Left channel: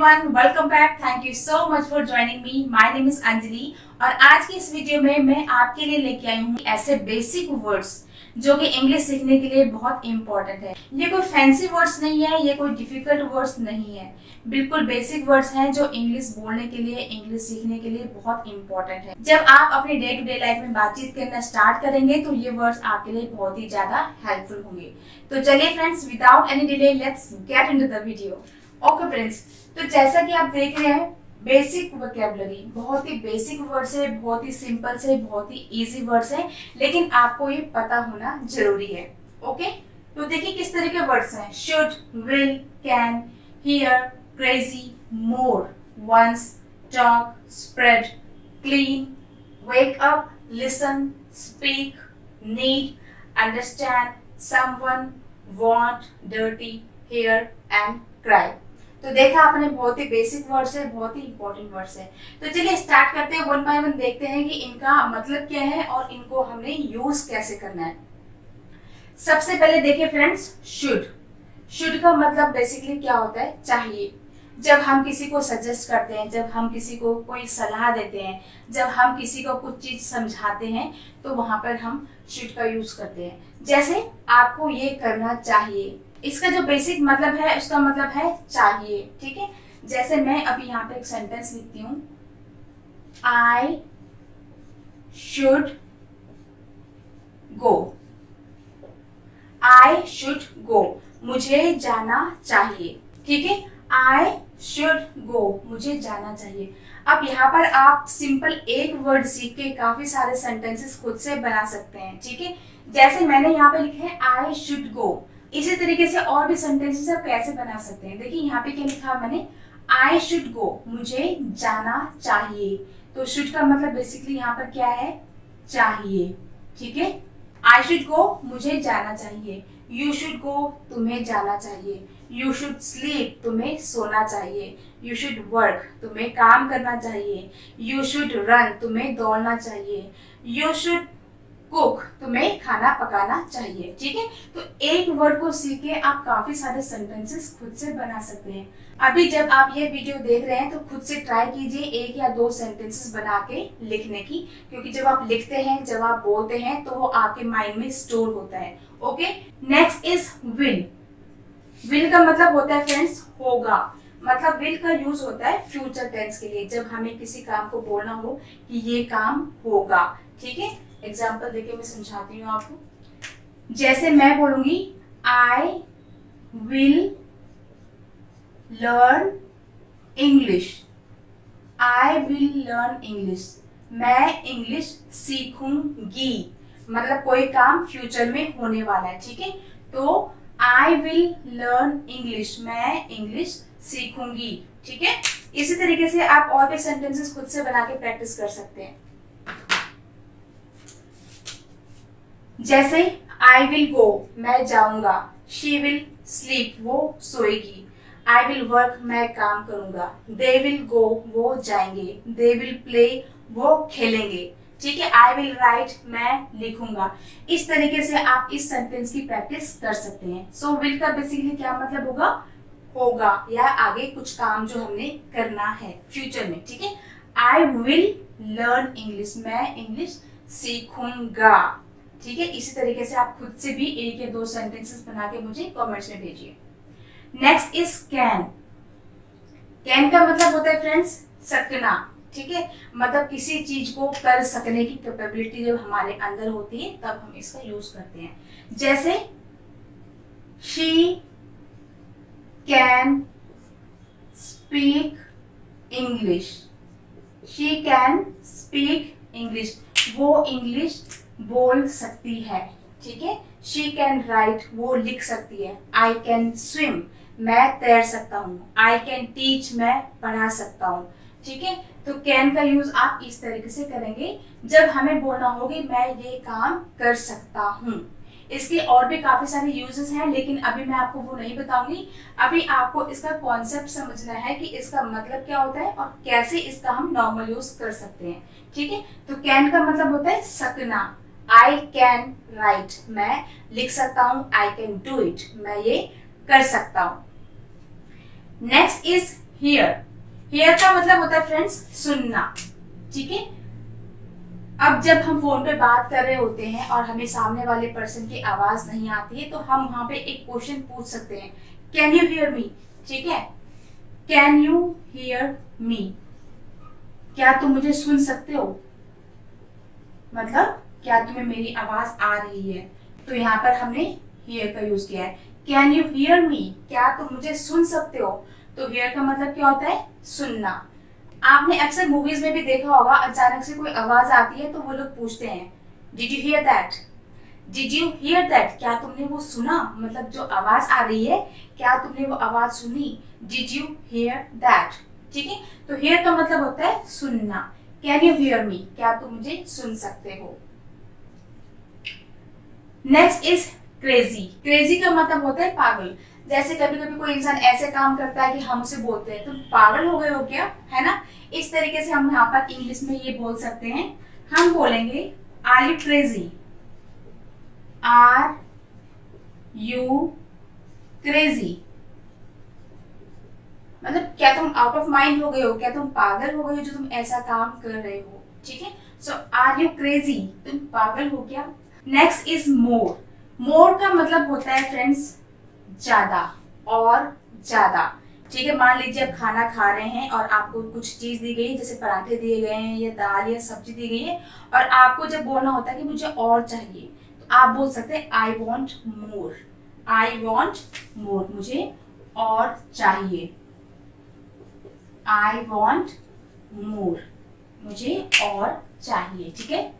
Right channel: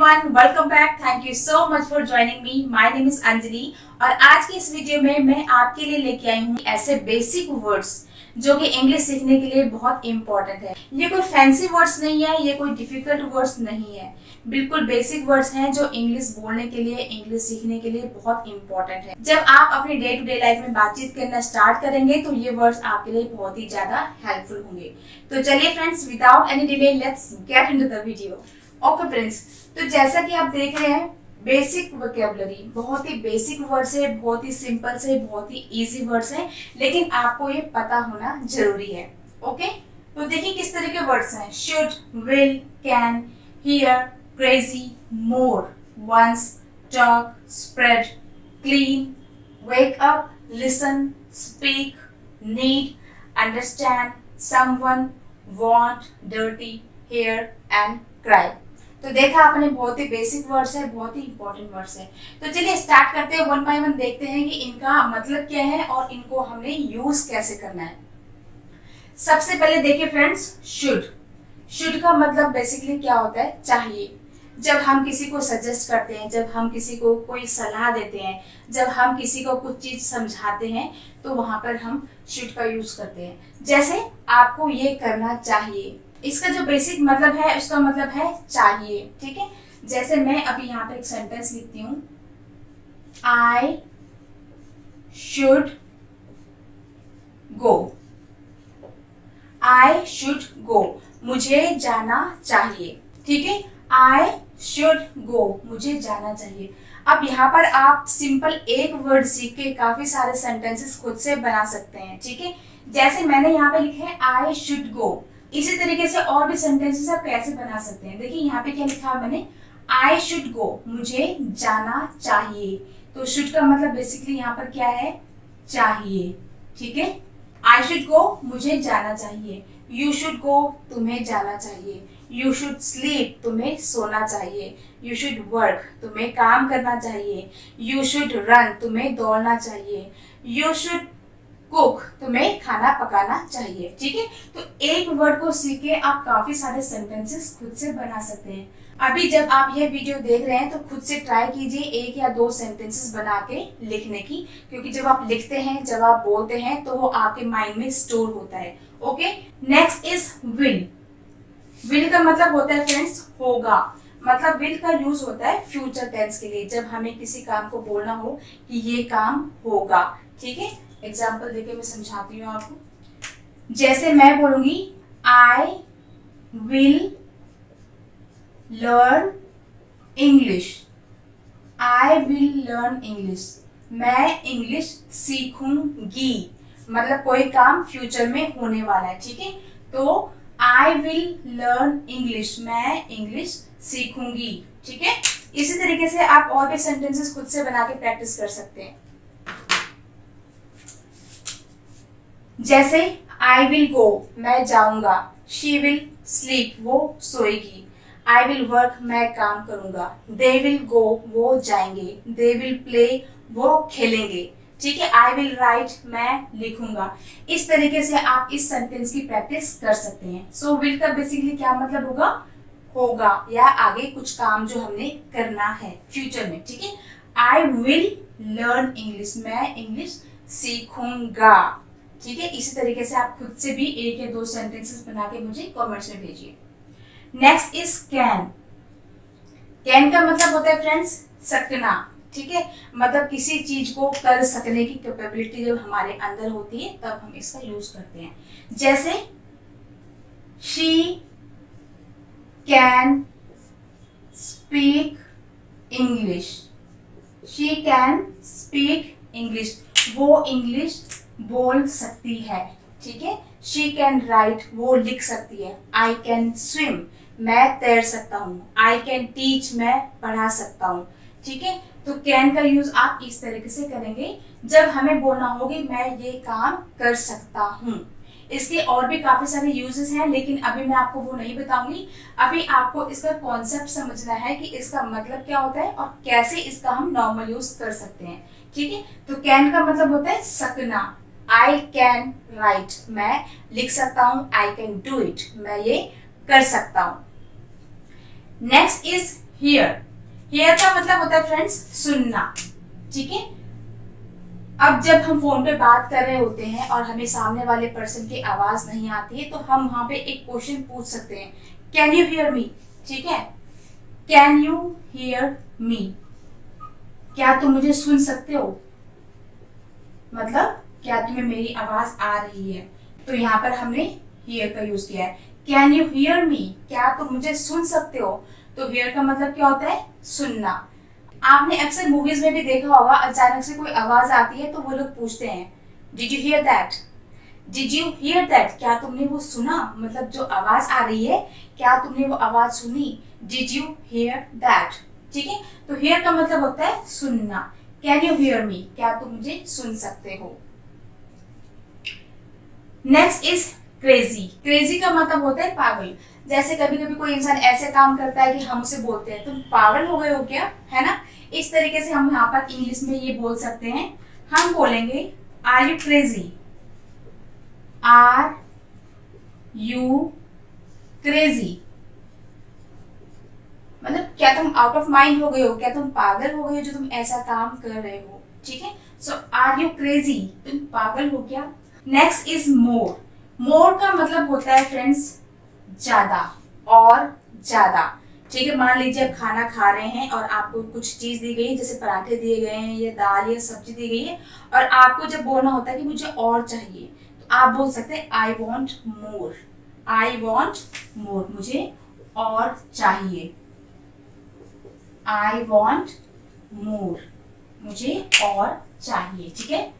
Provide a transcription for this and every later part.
everyone, welcome back. Thank you so much for joining me. My name is Anjali और आज की इस video में मैं आपके लिए लेके आई हूँ ऐसे बेसिक वर्ड्स जो कि इंग्लिश सीखने के लिए बहुत इंपॉर्टेंट है। ये कोई फैंसी वर्ड्स नहीं है, ये कोई डिफिकल्ट वर्ड्स नहीं है, बिल्कुल बेसिक वर्ड्स हैं जो इंग्लिश बोलने के लिए, इंग्लिश सीखने के लिए बहुत इंपॉर्टेंट है। जब आप अपनी डे टू डे लाइफ में बातचीत करना स्टार्ट करेंगे तो ये वर्ड्स आपके लिए बहुत ही ज्यादा हेल्पफुल होंगे। तो चलिए friends, without any delay let's get into the video. Okay friends, तो जैसा कि आप देख रहे हैं बेसिक वोकैबुलरी, बहुत ही बेसिक वर्ड्स है, बहुत ही सिंपल से, बहुत ही इजी वर्ड्स है, लेकिन आपको ये पता होना जरूरी है। ओके, तो देखिए किस तरह के वर्ड्स हैं। Should, will, can, hear, crazy, more, once, talk, spread, clean, wake up, listen, speak, need, understand, someone, want, dirty, hair and cry. तो देखा आपने, बहुत ही बेसिक वर्ड्स है, बहुत ही इंपॉर्टेंट वर्ड्स है। तो चलिए स्टार्ट करते हैं, वन बाय वन देखते हैं कि इनका मतलब क्या है और इनको हमने यूज कैसे करना है। सबसे पहले देखिए फ्रेंड्स, शुड। शुड का मतलब बेसिकली क्या होता है? चाहिए। जब हम किसी को सजेस्ट करते हैं, जब हम किसी को कोई सलाह देते हैं, जब हम किसी को कुछ चीज समझाते हैं, तो वहां पर हम शुड का यूज करते हैं। जैसे आपको ये करना चाहिए, इसका जो बेसिक मतलब है उसका मतलब है चाहिए। ठीक है, जैसे मैं अभी यहाँ पे एक सेंटेंस लिखती हूँ, I should go. I should go, मुझे जाना चाहिए। ठीक है, आई शुड गो, मुझे जाना चाहिए। अब यहाँ पर आप सिंपल एक वर्ड सीख के काफी सारे सेंटेंसेस खुद से बना सकते हैं। ठीक है, जैसे मैंने यहाँ पे लिखे है आई शुड गो, इसी तरीके से और भी सेंटेंसेस आप कैसे बना सकते हैं। देखिए यहाँ पे क्या लिखा है मैंने, आई शुड गो, मुझे जाना चाहिए। तो शुड का मतलब बेसिकली यहाँ पर क्या है? चाहिए। ठीक है, आई शुड गो, मुझे जाना चाहिए। यू शुड गो, तुम्हें जाना चाहिए। यू शुड स्लीप, तुम्हें सोना चाहिए। यू शुड वर्क, तुम्हें काम करना चाहिए। यू शुड रन, तुम्हें दौड़ना चाहिए। यू शुड कुक, तुम्हें खाना पकाना चाहिए। ठीक है, तो एक वर्ड को सीख के आप काफी सारे सेंटेंसेस खुद से बना सकते हैं। अभी जब आप ये वीडियो देख रहे हैं तो खुद से ट्राई कीजिए एक या दो सेंटेंसेस बना के लिखने की, क्योंकि जब आप लिखते हैं, जब आप बोलते हैं, तो वो आपके माइंड में स्टोर होता है। Okay, next is will. Will का मतलब होता है फ्रेंड्स होगा। मतलब विल का यूज होता है फ्यूचर टेंस के लिए, जब हमें किसी काम को बोलना हो कि ये काम होगा। ठीक है, एग्जाम्पल देके मैं समझाती हूँ आपको। जैसे मैं बोलूंगी आई will learn English. I will learn English, मैं इंग्लिश सीखूंगी। मतलब कोई काम फ्यूचर में होने वाला है। ठीक है, तो आई विल लर्न इंग्लिश, मैं इंग्लिश सीखूंगी। ठीक है, इसी तरीके से आप और भी सेंटेंसेस खुद से बना के प्रैक्टिस कर सकते हैं। जैसे आई विल गो, मैं जाऊंगा। शी विल स्लीप, वो सोएगी। आई विल वर्क, मैं काम करूंगा। दे विल गो, वो जाएंगे। दे विल प्ले, वो खेलेंगे। ठीक है, आई विल राइट, मैं लिखूंगा। इस तरीके से आप इस सेंटेंस की प्रैक्टिस कर सकते हैं। सो विल का बेसिकली क्या मतलब होगा? होगा, या आगे कुछ काम जो हमने करना है फ्यूचर में। ठीक है, आई विल लर्न इंग्लिश, मैं इंग्लिश सीखूंगा। ठीक है, इसी तरीके से आप खुद से भी एक या दो सेंटेंसेस बना के मुझे कमेंट्स में भेजिए। Next is can. कैन का मतलब होता है फ्रेंड्स सकना। ठीक है, मतलब किसी चीज को कर सकने की कैपेबिलिटी जब हमारे अंदर होती है तब हम इसका यूज करते हैं। जैसे she can speak English. She can speak English, वो इंग्लिश बोल सकती है। ठीक है, शी कैन राइट, वो लिख सकती है। आई कैन स्विम, मैं तैर सकता हूँ। आई कैन टीच, मैं पढ़ा सकता हूँ। ठीक है, तो कैन का यूज आप इस तरीके से करेंगे जब हमें बोलना होगी मैं ये काम कर सकता हूँ। इसके और भी काफी सारे यूजेस हैं, लेकिन अभी मैं आपको वो नहीं बताऊंगी। अभी आपको इसका कॉन्सेप्ट समझना है कि इसका मतलब क्या होता है और कैसे इसका हम नॉर्मल यूज कर सकते हैं। ठीक है, तो कैन का मतलब होता है सकना। आई कैन राइट, मैं लिख सकता हूँ। आई कैन डू इट, मैं ये कर सकता हूँ। Next is here. हियर का मतलब होता है फ्रेंड्स सुनना, ठीक है। अब जब हम फोन पे बात कर रहे होते हैं और हमें सामने वाले पर्सन की आवाज नहीं आती है तो हम वहां पे एक क्वेश्चन पूछ सकते हैं, कैन यू हियर मी, ठीक है। कैन यू हियर मी, क्या तुम मुझे सुन सकते हो, मतलब क्या तुम्हें मेरी आवाज आ रही है। तो यहाँ पर हमने हियर का यूज किया है। कैन यू हियर मी, क्या तुम मुझे सुन सकते हो। तो हियर का मतलब क्या होता है, सुनना। आपने अक्सर मूवीज में भी देखा होगा, अचानक से कोई आवाज आती है तो वो लोग पूछते हैं, did you here that, did you here that, क्या तुमने वो सुना, मतलब जो आवाज आ रही है क्या तुमने वो आवाज सुनी, डिड यू हियर दैट, ठीक है। तो हियर का मतलब होता है सुनना। कैन यू हियर मी, क्या तुम मुझे सुन सकते हो। Next is crazy. क्रेजी का मतलब होता है पागल। जैसे कभी कभी कोई इंसान ऐसे काम करता है कि हम उसे बोलते हैं तुम पागल हो गए हो क्या, है ना। इस तरीके से हम यहाँ पर इंग्लिश में ये बोल सकते हैं। हम बोलेंगे are you crazy, are you crazy, मतलब क्या तुम आउट ऑफ माइंड हो गए हो, क्या तुम पागल हो गए हो जो तुम ऐसा काम कर रहे हो, ठीक है। सो आर यू क्रेजी, तुम पागल हो क्या। Next is more. मोर का मतलब होता है फ्रेंड्स ज्यादा और ज्यादा, ठीक है। मान लीजिए आप खाना खा रहे हैं और आपको कुछ चीज दी गई है, जैसे पराठे दिए गए हैं या दाल या सब्जी दी गई है, और आपको जब बोलना होता है कि मुझे और चाहिए, तो आप बोल सकते हैं I want more, I want more, मुझे और चाहिए, आई वॉन्ट मोर, मुझे और चाहिए, ठीक है।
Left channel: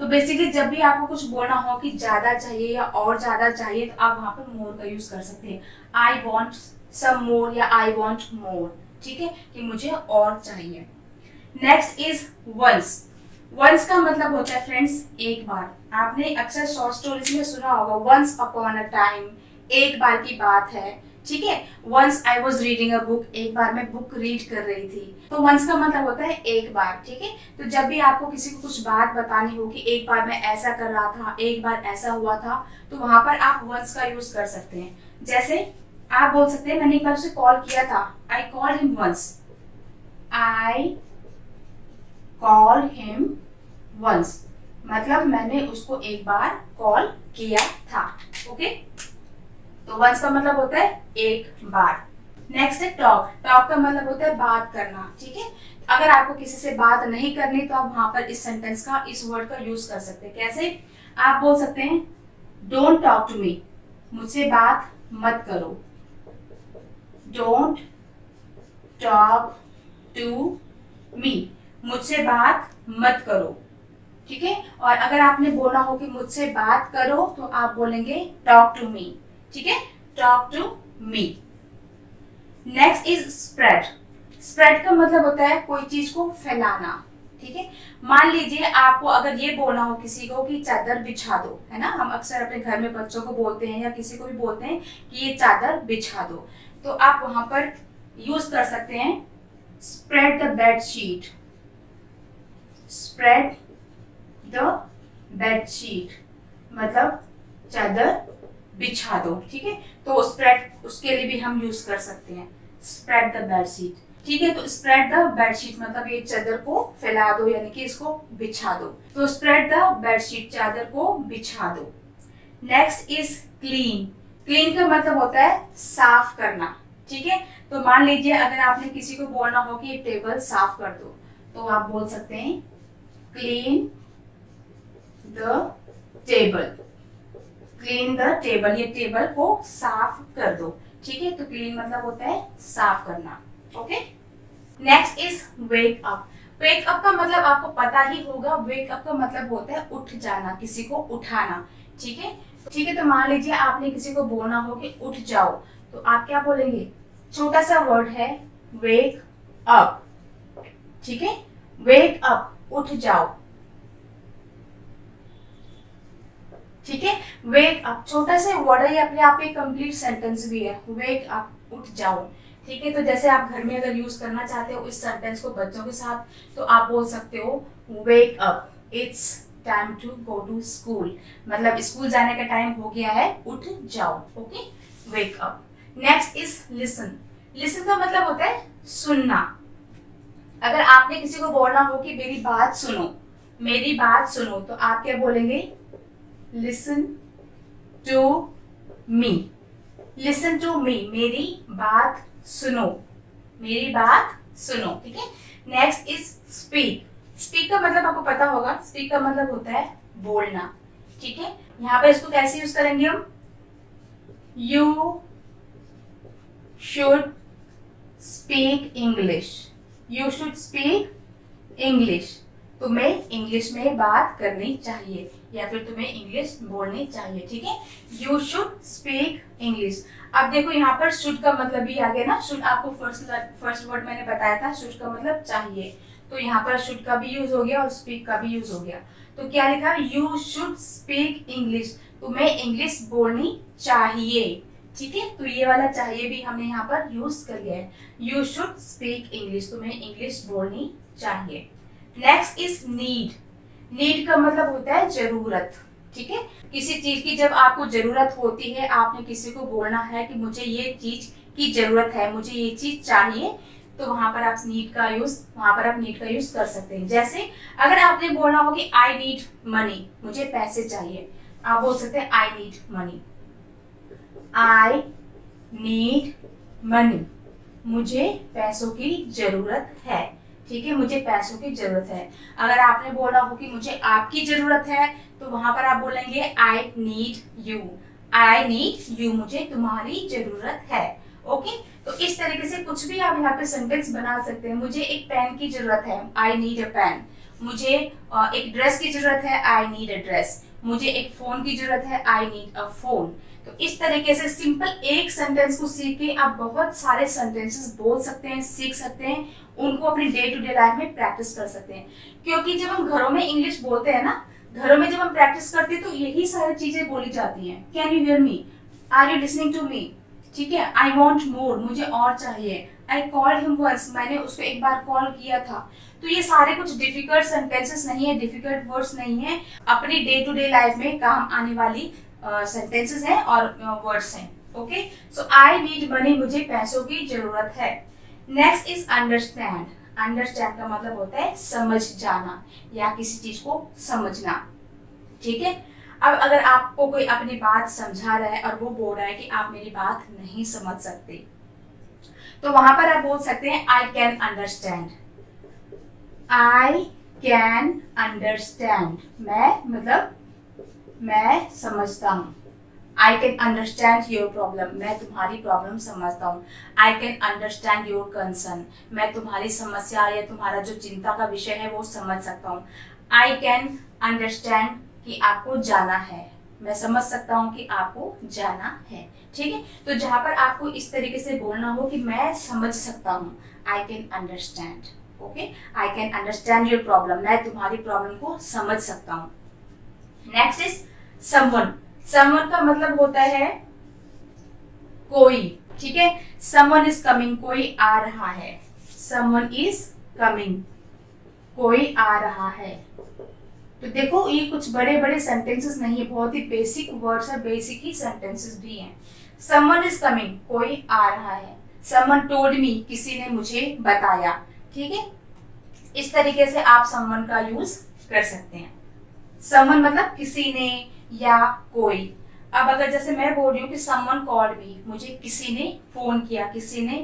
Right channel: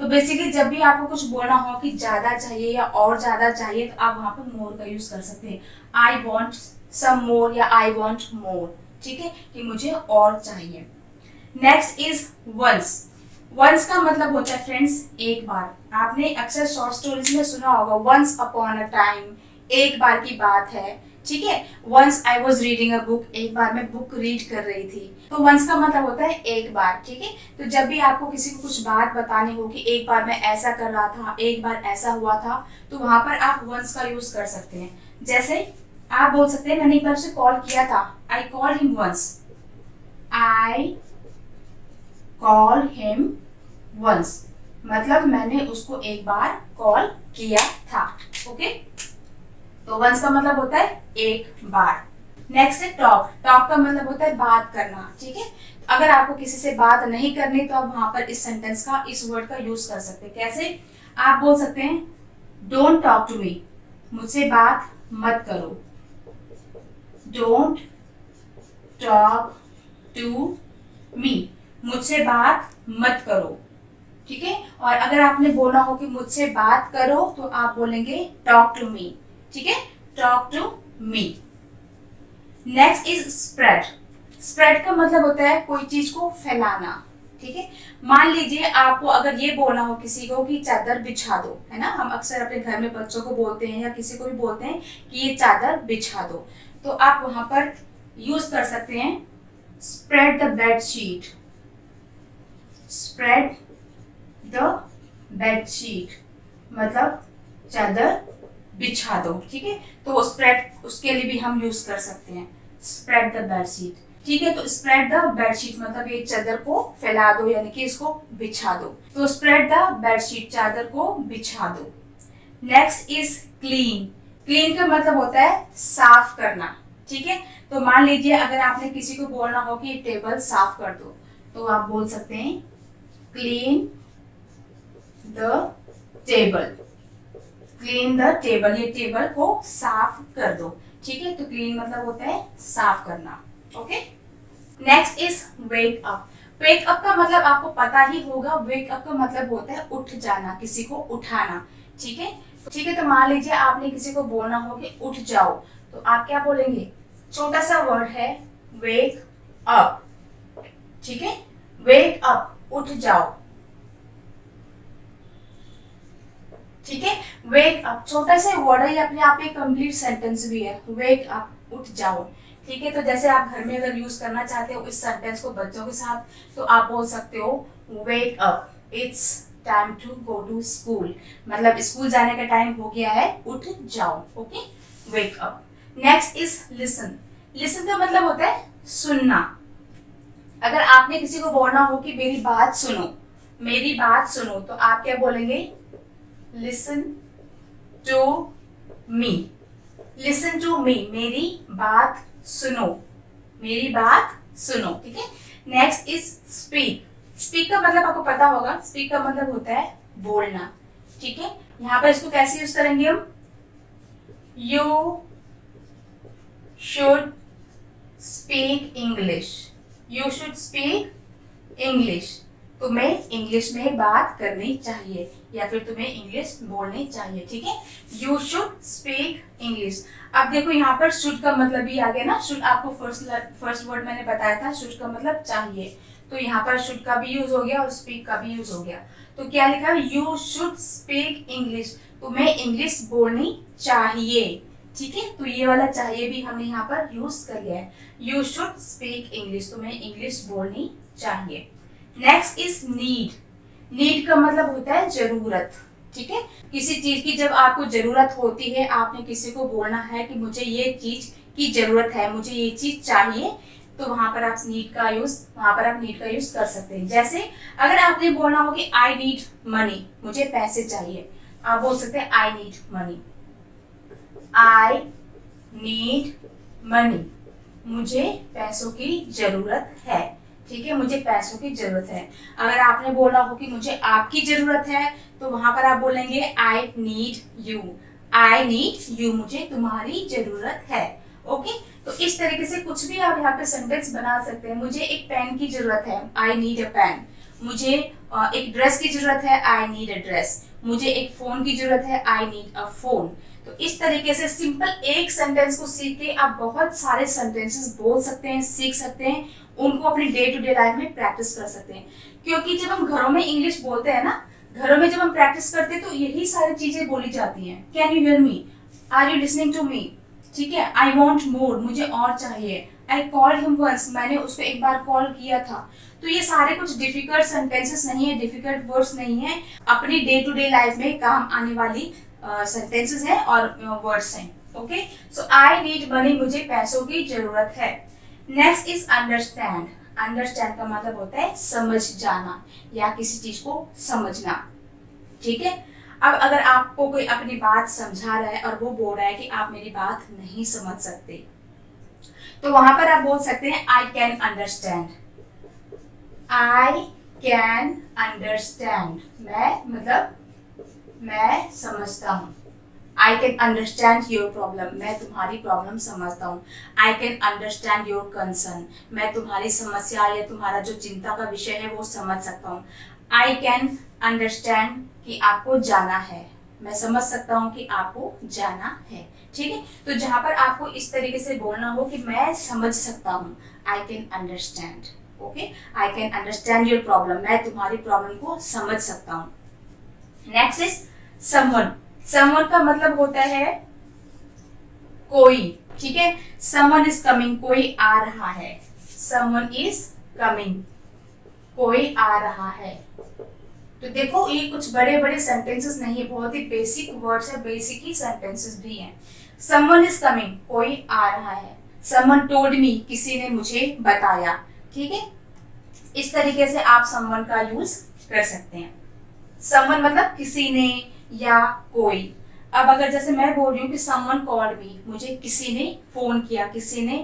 तो बेसिकली जब भी आपको कुछ बोलना हो कि ज्यादा चाहिए या और ज्यादा चाहिए, तो आप वहां पर मोर का यूज कर सकते हैं। आई वॉन्ट सम मोर या आई वॉन्ट मोर, ठीक है, कि मुझे और चाहिए। Next is once. वंस का मतलब होता है फ्रेंड्स एक बार। आपने अक्सर शॉर्ट स्टोरीज में सुना होगा वंस अपॉन अ टाइम, एक बार की बात है, ठीक है। Once I was reading a book, एक बार मैं बुक रीड कर रही थी। तो वंस का मतलब होता है एक बार, ठीक है। तो जब भी आपको किसी को कुछ बात बतानी हो कि एक बार मैं ऐसा कर रहा था, एक बार ऐसा हुआ था, तो वहां पर आप वंस का यूज कर सकते हैं। जैसे आप बोल सकते हैं मैंने एक बार उसे कॉल किया था, I called him once, I called him once, मतलब मैंने उसको एक बार कॉल किया था, ओके। तो वंस का मतलब होता है एक बार। नेक्स्ट है टॉक। टॉक का मतलब होता है बात करना, ठीक है। अगर आपको किसी से बात नहीं करनी तो आप वहां पर इस सेंटेंस का, इस वर्ड का यूज कर सकते हैं। कैसे, आप बोल सकते हैं डोंट टॉक टू मी, मुझसे बात मत करो, डोंट टॉक टू मी, मुझसे बात मत करो, ठीक है। और अगर आपने बोला हो कि मुझसे बात करो तो आप बोलेंगे टॉक टू मी, ठीक है, talk to me. Next is spread. Spread का मतलब होता है कोई चीज को फैलाना, ठीक है। मान लीजिए आपको अगर ये बोलना हो किसी को कि चादर बिछा दो, है ना, हम अक्सर अपने घर में बच्चों को बोलते हैं या किसी को भी बोलते हैं कि ये चादर बिछा दो, तो आप वहां पर यूज कर सकते हैं spread the bed sheet, spread the bed sheet, मतलब चादर बिछा दो, ठीक है। तो स्प्रेड उसके लिए भी हम यूज कर सकते हैं स्प्रेड द बेड शीट, ठीक है। तो स्प्रेड द बेड शीट मतलब ये चादर को फैला दो, यानी कि इसको बिछा दो। तो स्प्रेड द बेड शीट, चादर को बिछा दो। Next is clean. क्लीन का मतलब होता है साफ करना, ठीक है। तो मान लीजिए अगर आपने किसी को बोलना हो कि ये टेबल साफ कर दो, तो आप बोल सकते हैं clean the table, clean the table, ये टेबल को साफ कर दो, ठीक है। तो क्लीन मतलब होता है साफ करना, okay. Next is wake up. Wake up का मतलब आपको पता ही होगा, वेक अप का मतलब होता है उठ जाना, किसी को उठाना, ठीक है। ठीक है, तो मान लीजिए आपने किसी को बोलना हो कि उठ जाओ, तो आप क्या बोलेंगे, छोटा सा वर्ड है वेक अप, ठीक है, वेक अप, उठ जाओ, ठीक है। वेक अप छोटा सा वर्ड है, अपने आप में कंप्लीट सेंटेंस भी है, वेक अप, उठ जाओ, ठीक है। तो जैसे आप घर में अगर यूज करना चाहते हो इस सेंटेंस को बच्चों के साथ, तो आप बोल सकते हो wake up, it's time to go to school, मतलब स्कूल जाने का टाइम हो गया है, उठ जाओ, okay, wake up. Next is listen. Listen का मतलब होता है सुनना। अगर आपने किसी को बोलना हो कि मेरी बात सुनो, मेरी बात सुनो, तो आप क्या बोलेंगे? Listen to me. Listen to me, मेरी बात सुनो, मेरी बात सुनो। ठीक है। Next is speak. स्पीक का मतलब आपको पता होगा, स्पीक का मतलब होता है बोलना। ठीक है। यहाँ पर इसको कैसे यूज करेंगे हम? You should speak English. You should speak English. तुम्हें इंग्लिश में बात करनी चाहिए या फिर तुम्हें इंग्लिश बोलनी चाहिए। ठीक है। You should speak English. अब देखो यहाँ पर शुड का मतलब भी आ गया ना। शुड आपको फर्स्ट वर्ड मैंने बताया था, शुड का मतलब चाहिए, तो यहाँ पर शुड का भी यूज हो गया और स्पीक का भी यूज हो गया। तो क्या लिखा है? You should speak English. तुम्हें इंग्लिश बोलनी चाहिए। ठीक है। तो ये वाला चाहिए भी हमने यहाँ पर यूज कर लिया है। यू शुड स्पीक इंग्लिश, तुम्हें इंग्लिश बोलनी चाहिए। Next is need. नीड का मतलब होता है जरूरत। ठीक है। किसी चीज की जब आपको जरूरत होती है, आपने किसी को बोलना है कि मुझे ये चीज की जरूरत है, मुझे ये चीज चाहिए, तो वहां पर आप नीड का यूज कर सकते हैं। जैसे अगर आपने बोलना हो कि आई नीड मनी, मुझे पैसे चाहिए, आप बोल सकते हैं I need money. I need money, मुझे पैसों की जरूरत है। ठीक है, मुझे पैसों की जरूरत है। अगर आपने बोला हो कि मुझे आपकी जरूरत है, तो वहां पर आप बोलेंगे I need you. I need you, मुझे तुम्हारी जरूरत है। ओके। तो इस तरीके से कुछ भी आप यहाँ पे सेंटेंस बना सकते हैं। मुझे एक पेन की जरूरत है, आई नीड अ पेन। मुझे एक ड्रेस की जरूरत है, आई नीड अ ड्रेस। मुझे एक फोन की जरूरत है, आई नीड अ फोन। तो इस तरीके से सिंपल एक सेंटेंस को सीख के आप बहुत सारे सेंटेंसेस बोल सकते हैं, सीख सकते हैं, उनको अपनी डे टू डे लाइफ में प्रैक्टिस कर सकते हैं। क्योंकि जब हम घरों में इंग्लिश बोलते हैं ना, घरों में जब हम प्रैक्टिस करते हैं तो यही सारी चीजें बोली जाती हैं। Can you hear me? Are you listening to me? ठीक है। आई वॉन्ट मोर, मुझे और चाहिए। आई कॉल्ड हिम वंस, मैंने उसको एक बार कॉल किया था। तो ये सारे कुछ डिफिकल्ट सेंटेंसेस नहीं है, डिफिकल्ट वर्ड्स नहीं है, अपनी डे टू डे लाइफ में काम आने वाली सेंटेंसेस हैं और वर्ड्स हैं। Okay. So I need money, मुझे पैसों की जरूरत है। Next is understand. अंडरस्टैंड का मतलब होता है समझ जाना या किसी चीज को समझना। ठीक है। अब अगर आपको कोई अपनी बात समझा रहा है और वो बोल रहा है कि आप मेरी बात नहीं समझ सकते, तो वहां पर आप बोल सकते हैं I can understand. I can understand, मैं समझता हूँ। I can understand your problem, मैं तुम्हारी प्रॉब्लम समझता हूँ। I can understand your concern, मैं तुम्हारी समस्या या तुम्हारा जो चिंता का विषय है वो समझ सकता हूँ। आई कैन अंडरस्टैंड कि आपको जाना है, मैं समझ सकता हूँ कि आपको जाना है। ठीक है। तो जहां पर आपको इस तरीके से बोलना हो कि मैं समझ सकता हूँ, I can understand. Okay. I can understand your problem, मैं तुम्हारी प्रॉब्लम को समझ सकता हूँ। Next is someone. समवन का मतलब होता है कोई। ठीक है। समवन इज कमिंग, कोई आ रहा है। समवन इज कमिंग, कोई आ रहा है। तो देखो ये कुछ बड़े बड़े सेंटेंसेस नहीं है, बहुत ही बेसिक वर्ड्स है, बेसिक ही सेंटेंसेस भी हैं। समवन इज कमिंग, कोई आ रहा है। समवन टोल्ड मी, किसी ने मुझे बताया। ठीक है। इस तरीके से आप समवन का यूज कर सकते हैं। समवन मतलब किसी ने या कोई। अब अगर जैसे मैं बोल रही हूँ कि समवन कॉल्ड मी, मुझे किसी ने फोन किया, किसी ने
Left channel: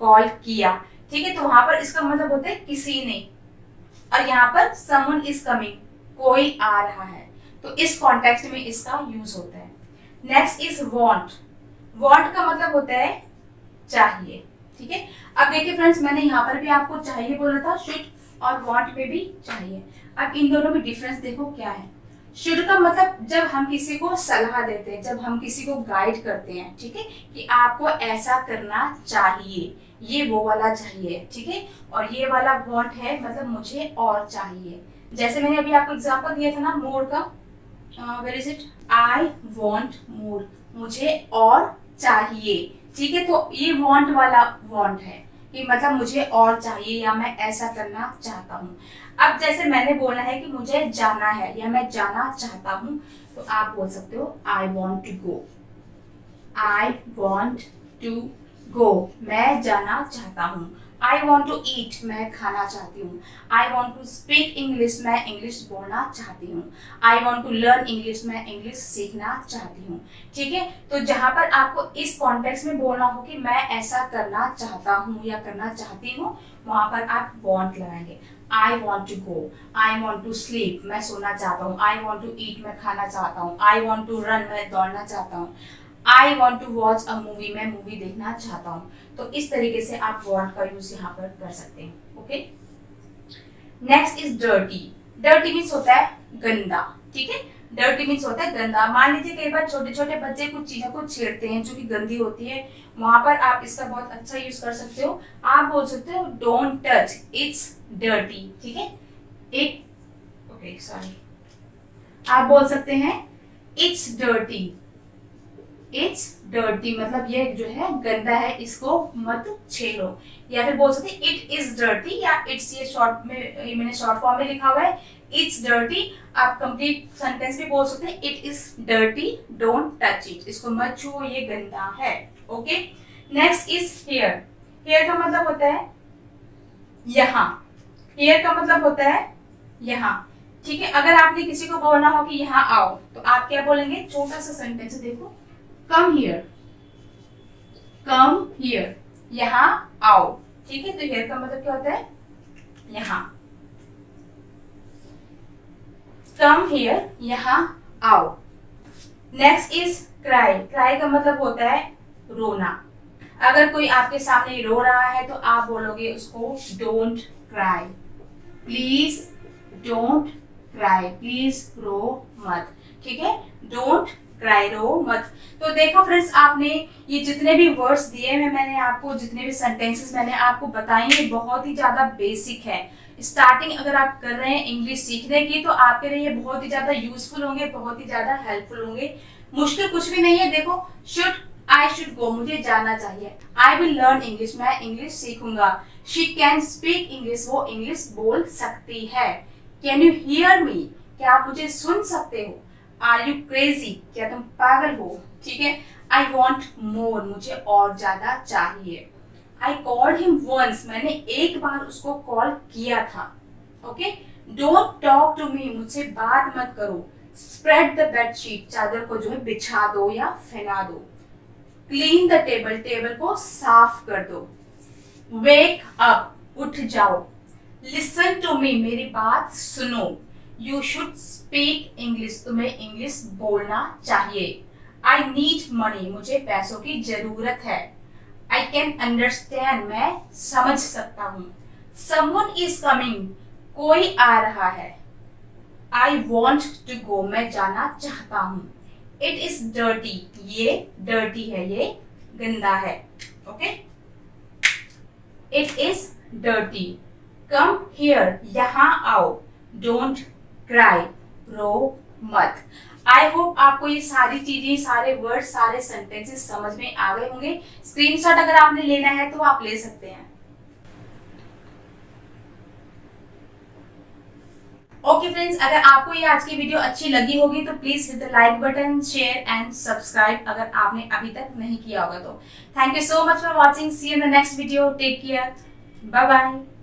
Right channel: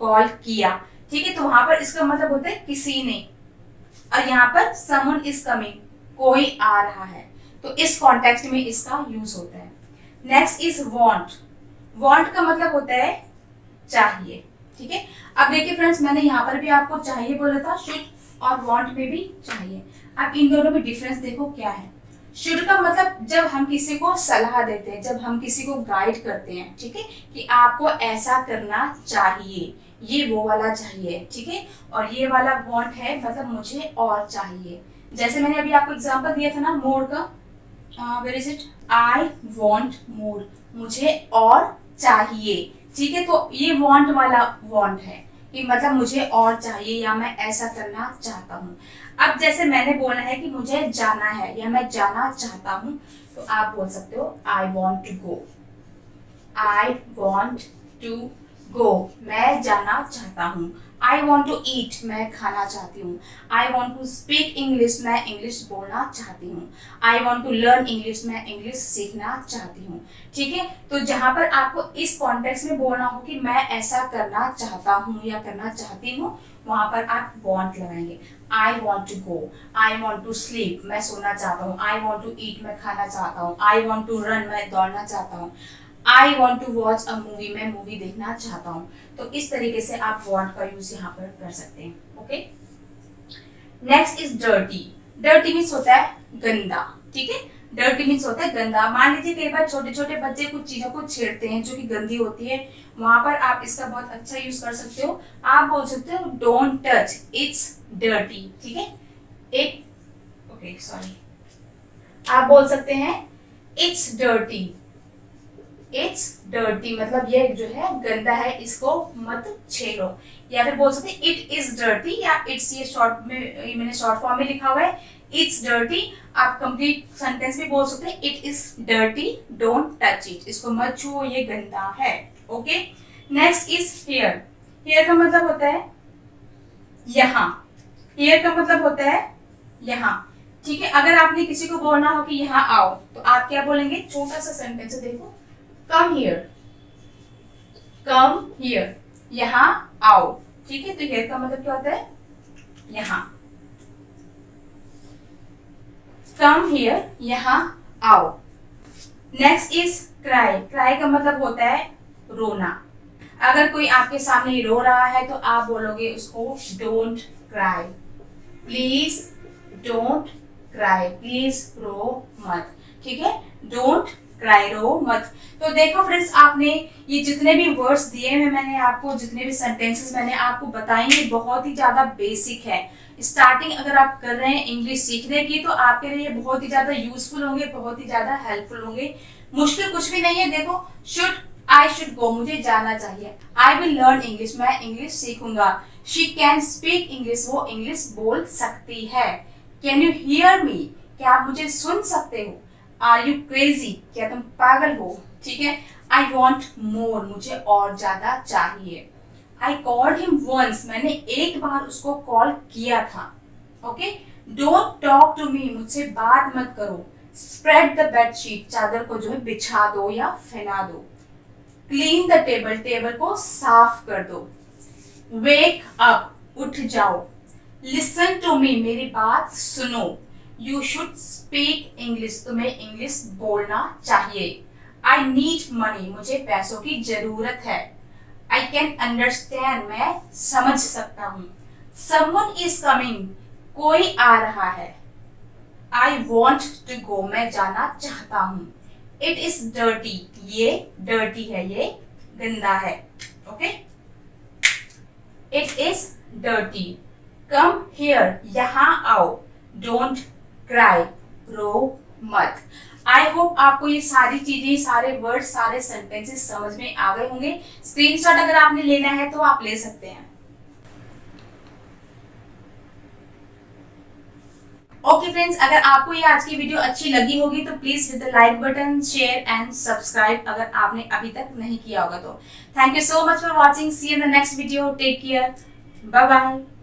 कॉल किया। ठीक है। तो वहां पर इसका मतलब होता है किसी ने, और यहाँ पर समवन इज कमिंग, कोई आ रहा है। तो इस कॉन्टेक्स्ट में इसका यूज होता है। Next is want. वांट का मतलब होता है चाहिए। ठीक है। अब देखिए फ्रेंड्स, मैंने यहाँ पर भी आपको चाहिए बोला था, शुड और वांट में भी चाहिए। अब इन दोनों में डिफरेंस देखो क्या है। शुड का मतलब जब हम किसी को सलाह देते हैं, जब हम किसी को गाइड करते हैं, ठीक है, कि आपको ऐसा करना चाहिए, ये वो वाला चाहिए। ठीक है। और ये वाला वांट है मतलब मुझे और चाहिए। जैसे मैंने अभी आपको एग्जांपल दिया था ना मोर का, where is it? I want more, मुझे और चाहिए। ठीक है। तो ये वांट वाला वांट है कि मतलब मुझे और चाहिए या मैं ऐसा करना चाहता हूँ। अब जैसे मैंने बोला है कि मुझे जाना है या मैं जाना चाहता हूँ, तो आप बोल सकते हो I want to go. I want to go, मैं जाना चाहता हूँ। आई वॉन्ट टू ईट, मैं खाना चाहती हूँ। I want to speak English, मैं इंग्लिश बोलना चाहती हूँ। I want to learn English, मैं इंग्लिश सीखना चाहती हूँ। ठीक है, तो जहां पर आपको इस कॉन्टेक्स्ट में बोलना हो कि मैं ऐसा करना चाहता हूँ या करना चाहती हूँ, वहां पर आप वॉन्ट लगाएंगे। I want to go, I want to sleep, मैं सोना चाहता हूँ। आई वॉन्ट टू ईट, मैं खाना चाहता हूँ। आई वॉन्ट टू रन, मैं दौड़ना चाहता हूँ। I want to watch a movie, मैं मूवी देखना चाहता हूँ। तो इस तरीके से आप वॉन्ट का यूज यहाँ पर कर सकते हैं। Okay, next is dirty. Dirty means होता है गंदा। ठीक है, डर्टी मीन्स होता है गंदा। मान लीजिए कई बार छोटे छोटे बच्चे कुछ चीजों को छेड़ते हैं जो कि गंदी होती है, वहां पर आप इसका बहुत अच्छा यूज कर सकते हो। आप बोल सकते हो डोंट टच, इट्स डर्टी। ठीक है, एक ओके सॉरी, आप बोल सकते हैं इट्स डर्टी। इट्स डर्टी मतलब ये जो है गंदा है, इसको मत छेड़ो। या फिर बोल सकते हैं इट इज डर्टी, या इट्स ये शॉर्ट में मैंने शॉर्ट फॉर्म में लिखा हुआ है इट्स डर्टी। आप कंप्लीट सेंटेंस भी बोल सकते हैं it is dirty, don't touch it, इसको मत छुओ, ये गंदा है। Okay, next is here. Here का मतलब होता है यहाँ। हियर का मतलब होता है यहाँ। ठीक है, अगर आपने किसी को बोलना हो कि यहाँ आओ, तो आप क्या बोलेंगे? छोटा सा सेंटेंस है, देखो, कम हियर, कम हियर, यहाँ आओ। ठीक है, तो हियर का मतलब क्या होता है? यहाँ। कम हियर, यहाँ आओ। Next is cry. क्राई का मतलब होता है रोना। अगर कोई आपके सामने रो रहा है तो आप बोलोगे उसको don't cry, please don't cry, please रो मत। ठीक है, डोंट क्राई, रो मत। तो देखो फ्रेंड्स, आपने ये जितने भी वर्ड्स दिए हैं मैंने आपको, जितने भी सेंटेंसेस मैंने आपको बताए, ये बहुत ही ज्यादा बेसिक है। स्टार्टिंग अगर आप कर रहे हैं इंग्लिश सीखने की, तो आपके लिए ये बहुत ही ज्यादा यूजफुल होंगे, बहुत ही ज्यादा हेल्पफुल होंगे। मुश्किल कुछ भी नहीं है। देखो, शुड, आई शुड गो, मुझे जाना चाहिए। आई विल लर्न इंग्लिश, मैं इंग्लिश सीखूंगा। शी कैन स्पीक इंग्लिश, वो इंग्लिश बोल सकती है। कैन यू हियर मी, क्या आप मुझे सुन सकते हो? आर यू क्रेजी, क्या तुम पागल हो? ठीक है, आई वॉन्ट मोर, मुझे और ज्यादा चाहिए। आई कॉल्ड हिम वंस, मैंने एक बार उसको कॉल किया था। Okay, don't talk to me, मुझसे बात मत करो। स्प्रेड द बेडशीट, चादर को जो है बिछा दो या फैला दो। क्लीन द टेबल, टेबल को साफ कर दो। वेक अप, उठ जाओ। लिसन टू मी, मेरी बात सुनो। यू शुड स्पीक इंग्लिश, तुम्हें इंग्लिश बोलना चाहिए। आई नीड मनी, मुझे पैसों की जरूरत है। आई कैन अंडरस्टैंड, मैं समझ सकता हूँ। समवन इज कमिंग, कोई आ रहा है। आई वॉन्ट टू गो, मैं जाना चाहता हूँ। इट इज डर्टी, ये डर्टी है, ये गंदा है। Okay, it is dirty. Come here, यहाँ आओ। डोंट क्राई, रो मत। आई होप आपको ये सारी चीजें, सारे वर्ड, सारे सेंटेंसेस समझ में आ गए होंगे। स्क्रीनशॉट अगर आपने लेना है तो आप ले सकते हैं। ओके फ्रेंड्स, अगर आपको ये आज की वीडियो अच्छी लगी होगी तो please hit the like button, share and subscribe अगर आपने अभी तक नहीं किया होगा तो। Thank you so much for watching. See you in the next video. Take care, bye bye.